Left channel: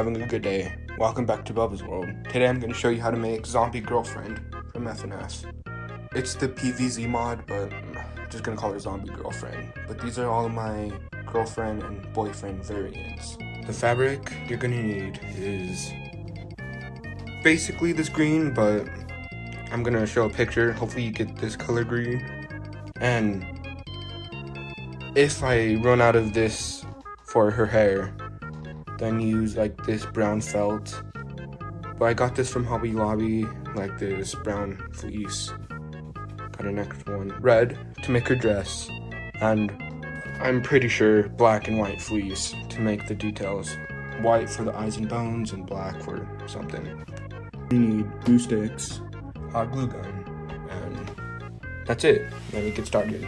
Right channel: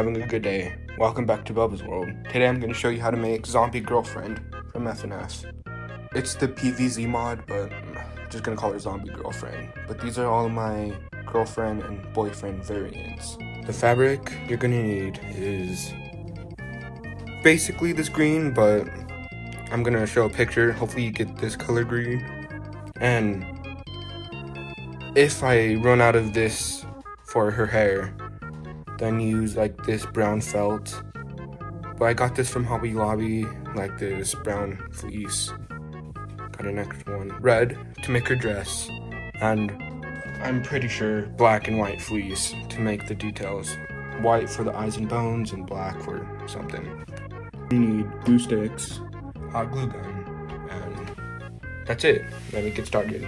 having a good day. Welcome back to Bubba's World. Today I'm going to show you how to make Zombie Girlfriend from FNF. It's the PVZ mod, but I'm just going to call her Zombie Girlfriend. But these are all my girlfriend and boyfriend variants. The fabric you're going to need is basically this green, but I'm going to show a picture. Hopefully you get this color green. And if I run out of this for her hair, then use like this brown felt. But I got this from Hobby Lobby, like this brown fleece. Got a next one, red to make her dress, and I'm pretty sure black and white fleece to make the details. White for the eyes and bones, and black for something. You need glue sticks, hot glue gun, and that's it. Let me get started.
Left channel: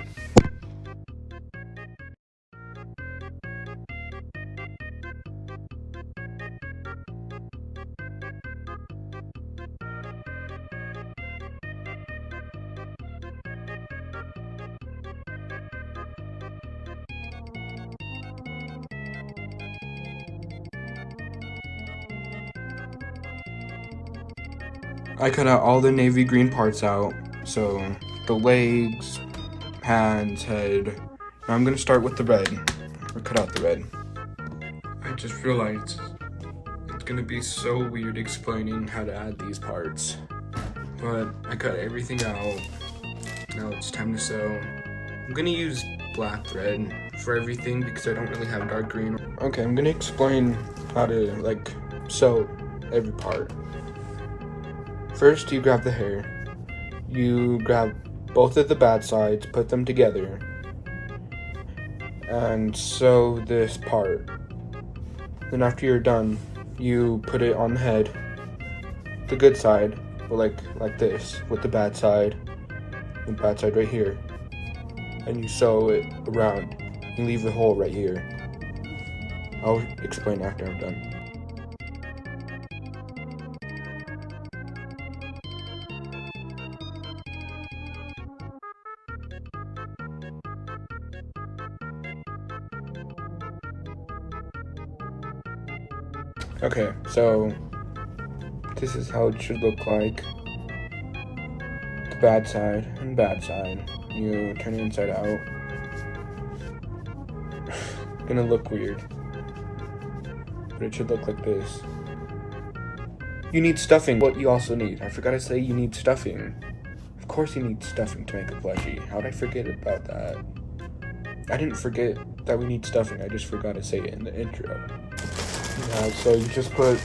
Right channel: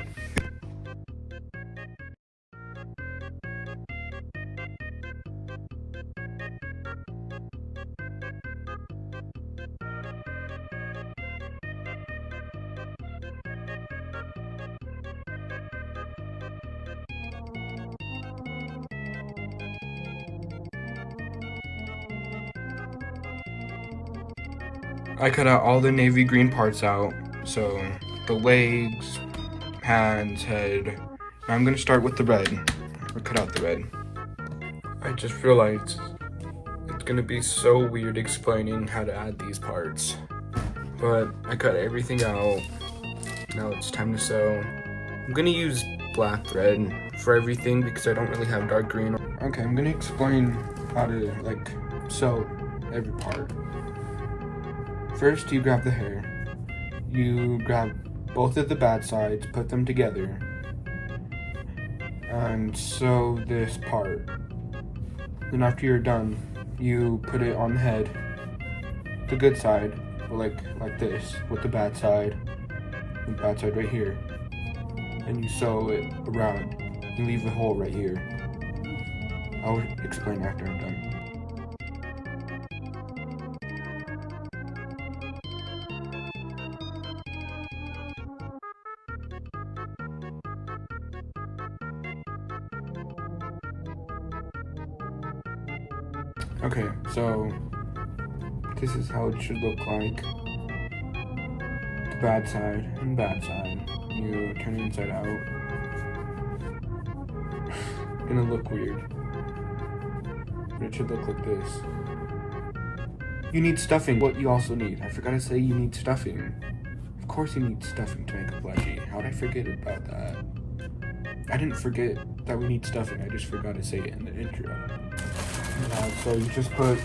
I cut out all the navy green parts out, so the legs, hands, head. I'm gonna start with the red, or cut out the red. I just realized it's gonna be so weird explaining how to add these parts, but I cut everything out. Now it's time to sew. I'm gonna use black thread for everything because I don't really have dark green. Okay, I'm gonna explain how to like sew every part. First, you grab the hair. You grab both of the bad sides, put them together, and sew this part. Then after you're done, you put it on the head, the good side, or like this, with the bad side right here. And you sew it around. You leave a hole right here. I'll explain after I'm done. Okay, so this is how it should look like. The bad side and bad side. You turn it inside out. It's gonna look weird, but it should look like this. You need stuffing. What you also need, I forgot to say, you need stuffing. Of course you need stuffing to make a plushie. How did I forget about that? I didn't forget that we need stuffing, I just forgot to say it in the intro. So you just put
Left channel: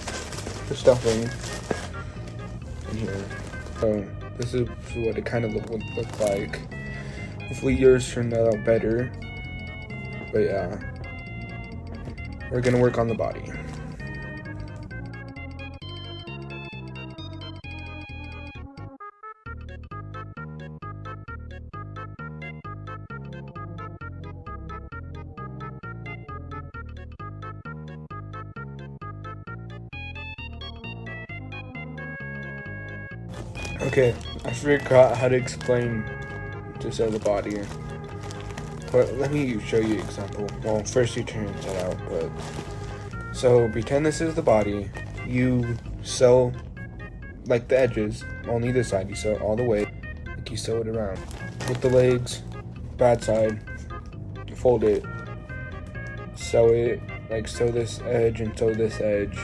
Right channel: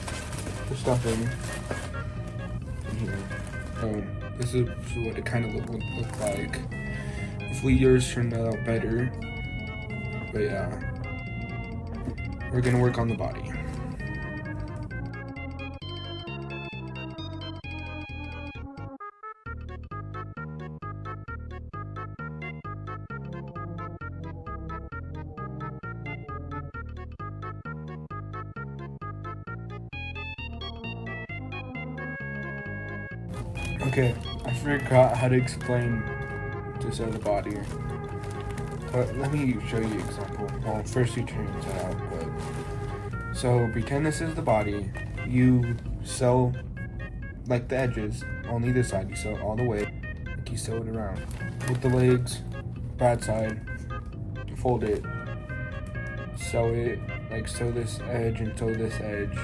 the stuffing in here. So this is what it kind of would look like. Hopefully yours turned out better. But yeah, we're gonna work on the body. Okay, I forgot how to explain to sew the body. But let me show you an example. Well, first you turn it out, but so pretend this is the body. You sew like the edges, only this side. You sew all the way, like you sew it around. With the legs, bad side, fold it, sew it, like sew this edge and sew this edge.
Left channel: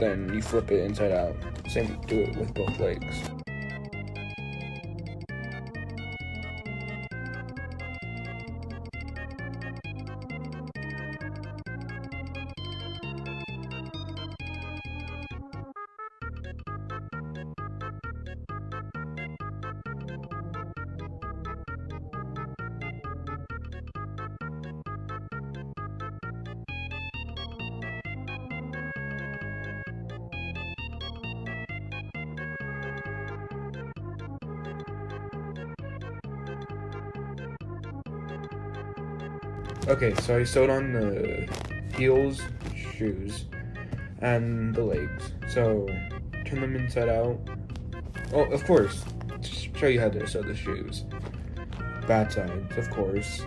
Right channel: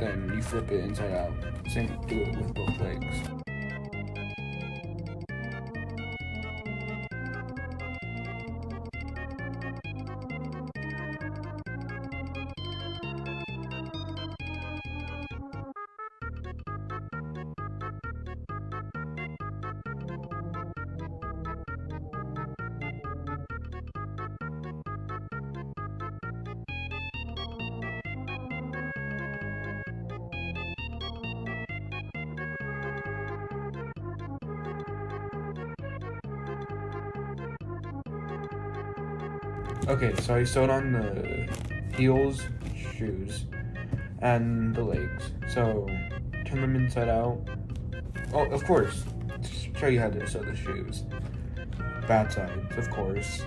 Then you flip it inside out. Same, do it with both legs. Okay, so I sewed on the heels, shoes, and the legs. So turn them inside out. Oh, of course, just show you how to sew the shoes. Bad sides, of course.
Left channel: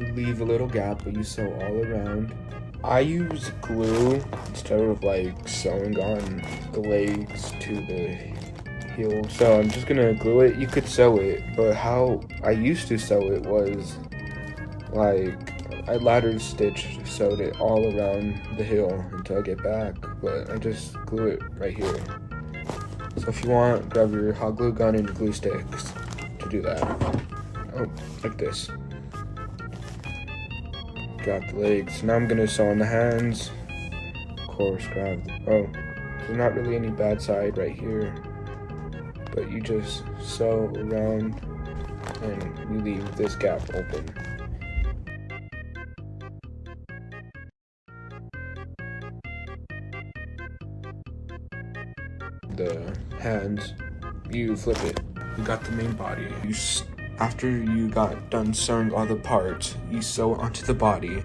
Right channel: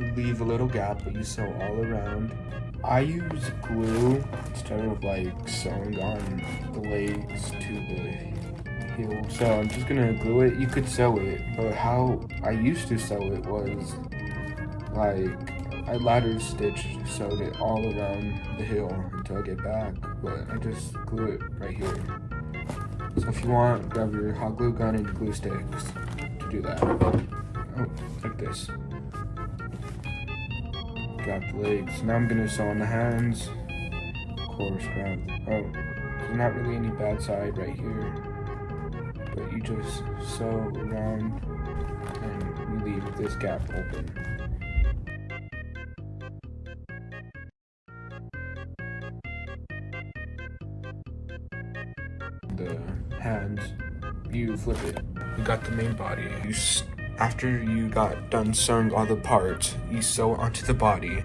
You leave a little gap, but you sew all around. I use glue instead of like sewing on the legs to the heel. So I'm just gonna glue it. You could sew it, but how I used to sew it was like I ladder stitch sewed it all around the heel until I get back, but I just glue it right here. So if you want, grab your hot glue gun and glue sticks to do that. Oh, like this. Grab the legs. Now I'm gonna sew on the hands. Of course, grab. Oh, there's not really any bad side right here, but you just sew around and you leave this gap open. The hands, you flip it. You got the main body. After you got done sewing all the parts, you sew onto the body.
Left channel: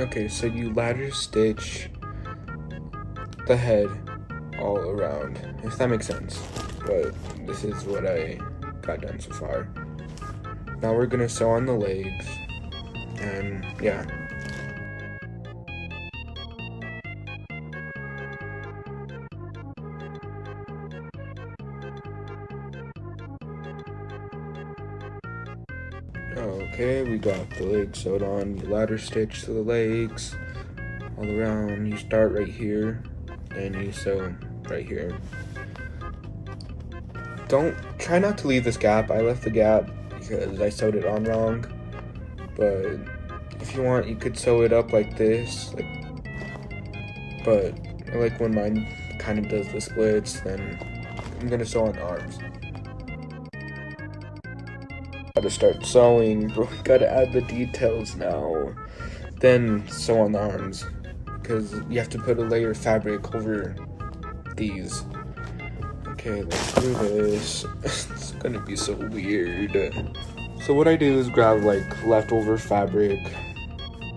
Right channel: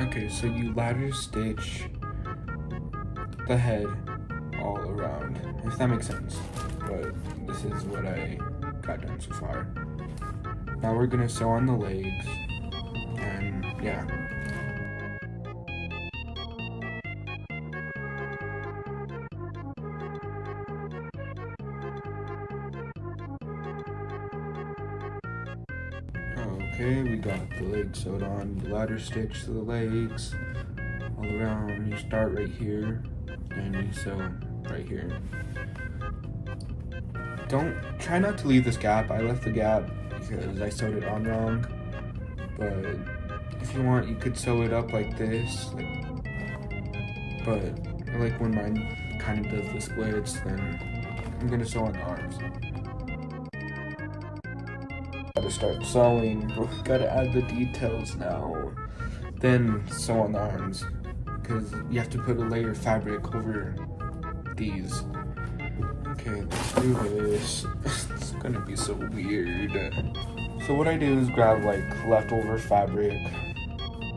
Okay, so you ladder stitch the head all around, if that makes sense. But this is what I got done so far. Now we're gonna sew on the legs, and yeah. Okay, we got the legs sewed on. You ladder stitch to the legs all around. You start right here, and you sew right here. Try not to leave this gap. I left the gap because I sewed it on wrong. But if you want, you could sew it up like this. But I like when mine kind of does the splits. Then I'm gonna sew on the arms. Gotta start sewing, but we gotta add the details now. Then sew on the arms, because you have to put a layer of fabric over these. Okay, let's do this. It's gonna be so weird. So what I do is grab like leftover fabric,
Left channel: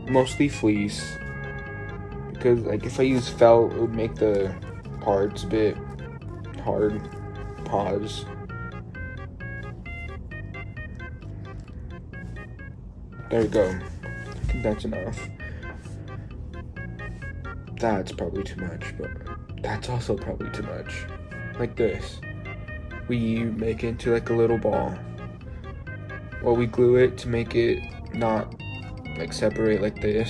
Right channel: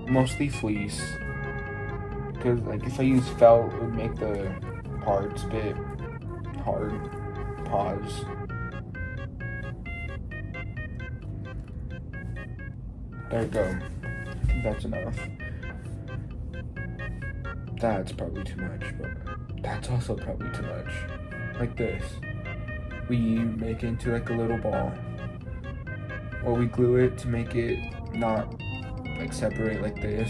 mostly fleece, because like if I use felt, it would make the parts a bit hard. Pause. There we go. I think that's enough. That's probably too much, but that's also probably too much. Like this. We make it into like a little ball. Well, we glue it to make it not like separate like this.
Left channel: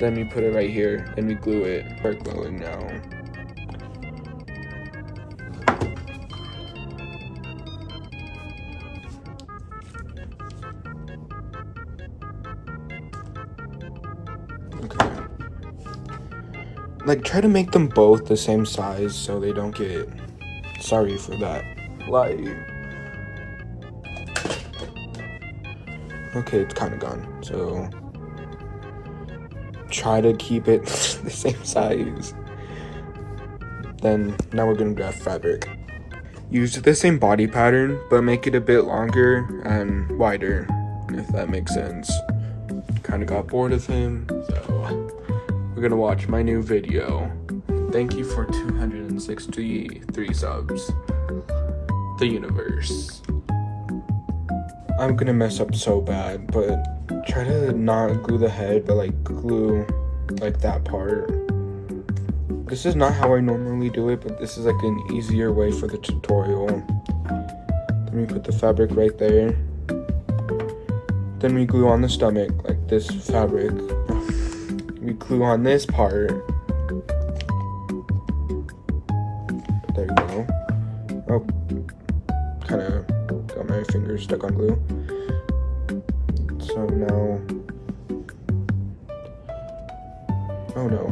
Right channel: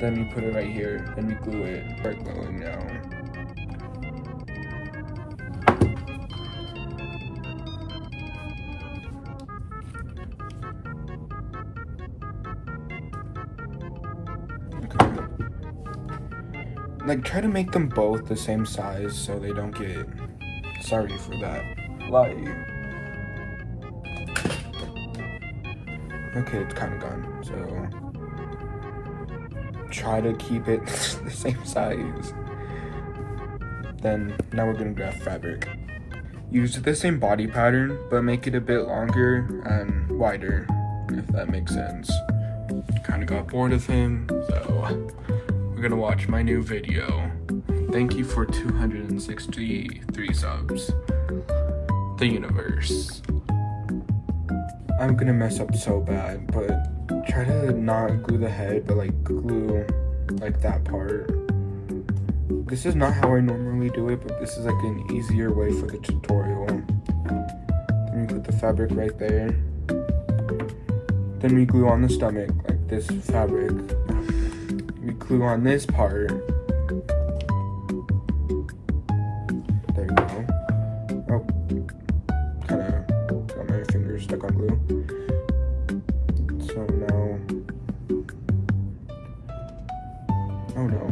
Then we put it right here, and we glue it. We're gluing now. Like, try to make them both the same size so they don't get, sorry for that, like, okay, it's kind of gone, so try to keep it the same size. Then, now we're gonna grab fabric. Use the same body pattern, but make it a bit longer and wider, if that makes sense. Kind of got bored of him, so we're gonna watch my new video. Thank you for 263 subs. The universe. I'm gonna mess up so bad, but try to not glue the head, but like glue like that part. This is not how I normally do it, but this is like an easier way for the tutorial. Then we put the fabric right there. Then we glue on the stomach, like this fabric. We glue on this part. There we go. Oh, kind of got my fingers stuck on glue. So now, oh no.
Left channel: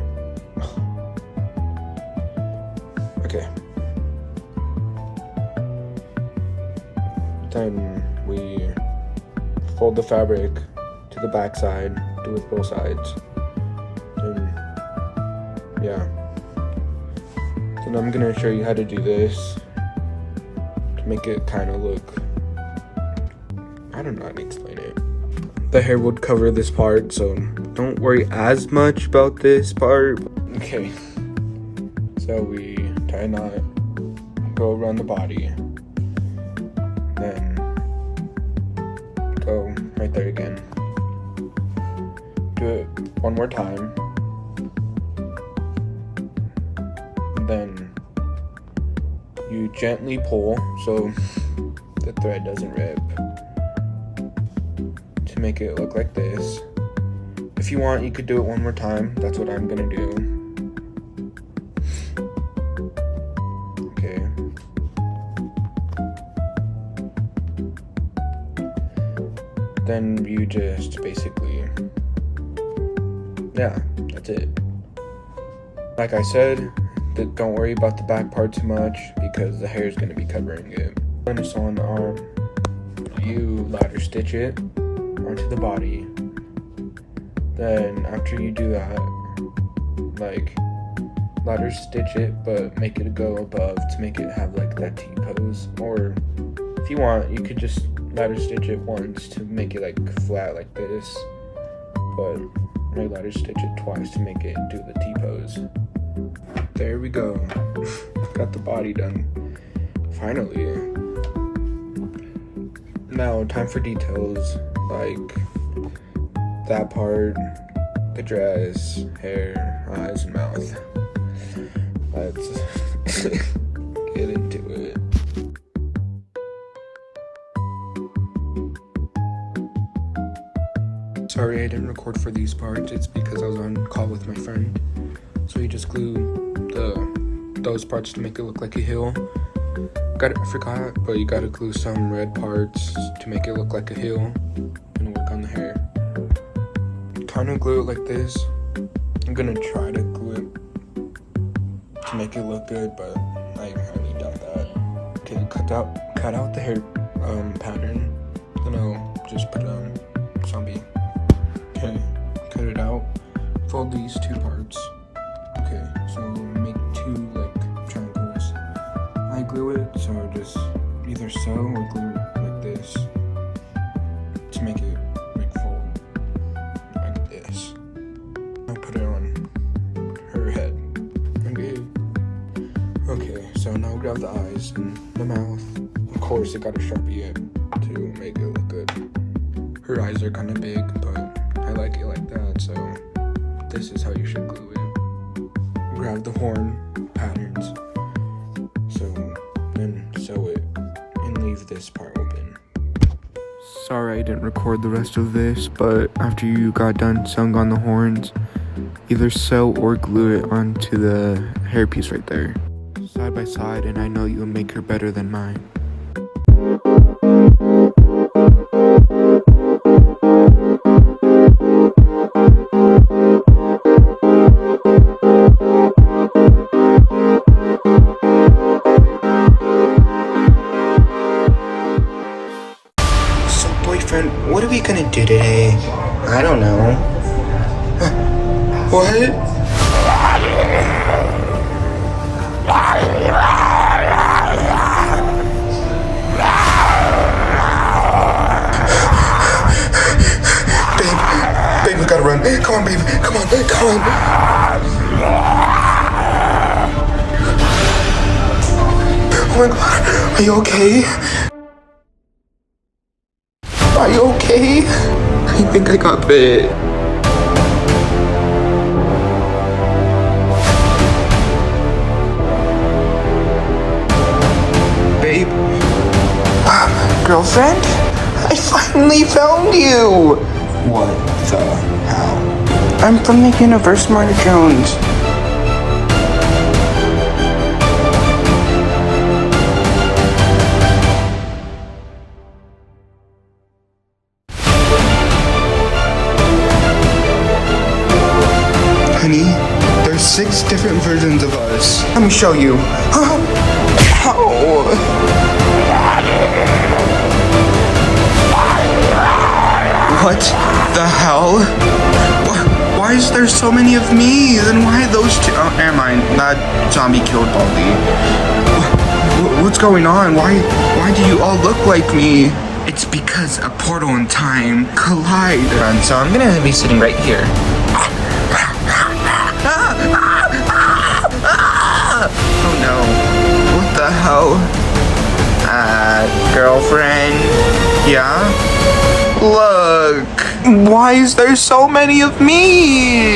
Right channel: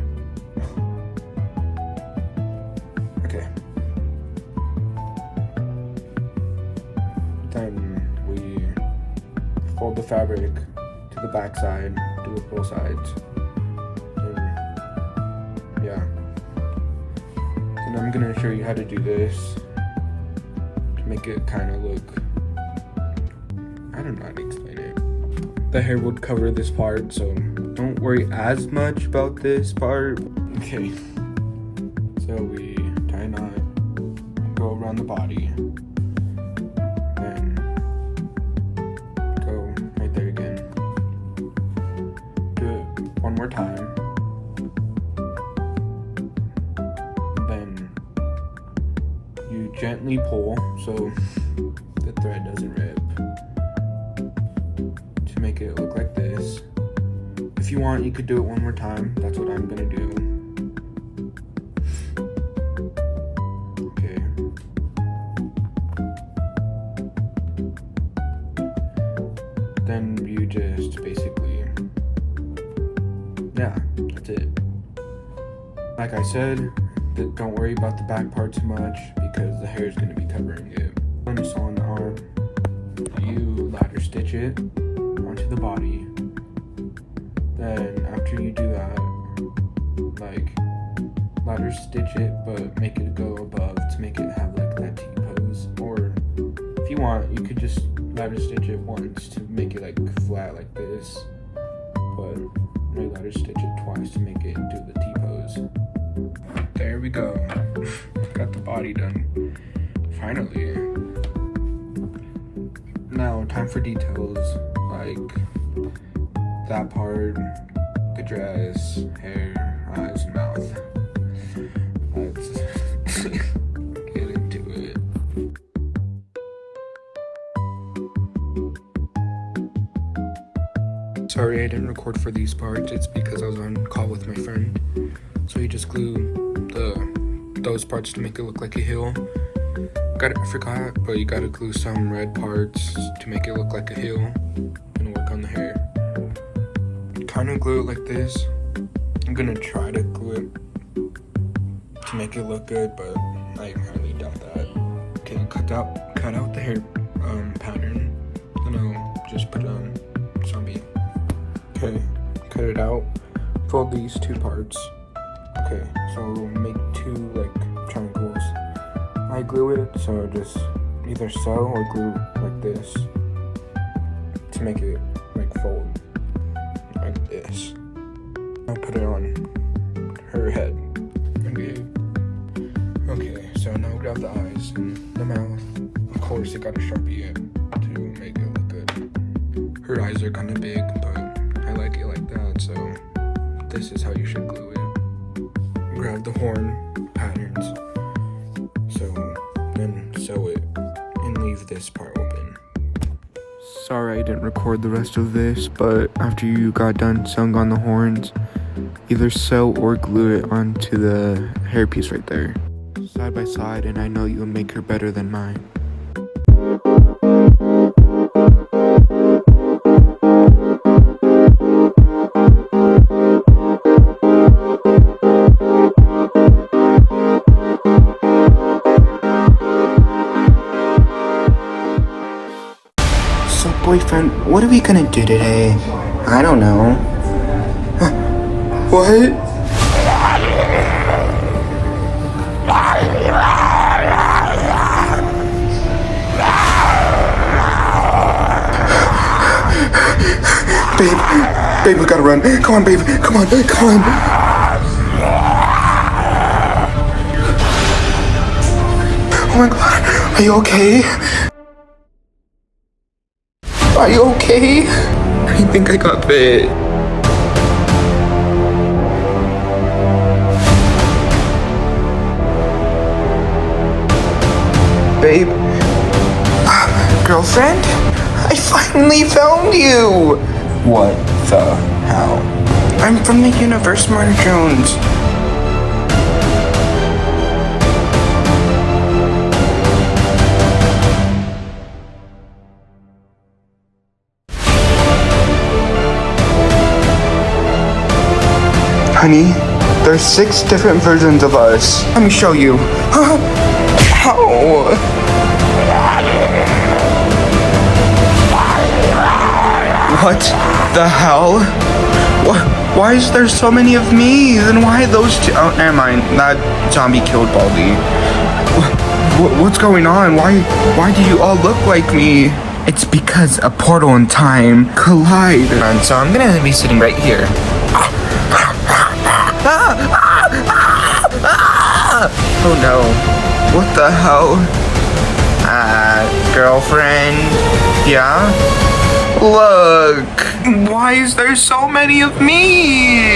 Okay. Then we fold the fabric to the back side, do it both sides. I'm gonna show you how to do this to make it kind of look, I don't know how to explain it. The hair would cover this part, so don't worry as much about this part. Okay, so we tie a knot, go around the body, then go right there again. Do it one more time. Then you gently pull so the thread doesn't rip to make it look like this. If you want, you could do it one more time. That's what I'm gonna do. Okay. Then you just basically, yeah, that's it. Like I said, don't worry about the back part too much because the hair is gonna be covering it. When it's on the arm, you ladder stitch it onto the body. Then after you do that, like ladder stitch it, but make it go above to make it have like that T-pose. Or if you want, you could just ladder stitch it once to make it like flat like this. But I ladder stitch it twice to make it do the T-pose. There we go. Got the body done. Finally. Now time for details like that part, the dress, hair, eyes, and mouth. Let's get into it. Sorry I didn't record for these parts. It's because I was on call with my friend. So you just glue those parts to make it look like a heel. I forgot, but you gotta glue some red parts to make it look like a heel and work on the hair. Trying to glue it like this. I'm gonna try to glue it to make it look good, but I highly doubt that. Okay, cut out the hair pattern, and I'll just put zombie. Okay, cut it out. Fold these two parts. Okay, so make two like triangles. I glue it, so just either sew or glue like this to make it like fold like this. I'll put it on her head. Okay, so now grab the eyes and the mouth. Of course, it got a Sharpie in to make it look good. Her eyes are kind of big, but I like it like that, so this is how you should glue it. Grab the horn patterns, then sew it and leave this part open. Sorry I didn't record the rest of this, but after you got done sewing on the horns, either sew or glue it onto the hairpiece right there. Side by side, and I know you'll make her better than mine. Boyfriend, what are we gonna do today? I don't know. What? Babe, we gotta run. Come on, babe. Come on. Oh my god, are you okay? Are you okay? I think I got bit. Babe? Girlfriend? I finally found you! What the hell? I'm from the universe, Mark Jones. Honey, there's 6 different versions of us. Let me show you. Ow. What the hell? Why is there so many of me? Then why those two? Oh, never mind. That zombie killed Baldy. What's going on? Why do you all look like me? It's because a portal and time collide. And so I'm gonna be sitting right here. Oh no. What the hell? Girlfriend? Yeah? Look! Why is there so many of me?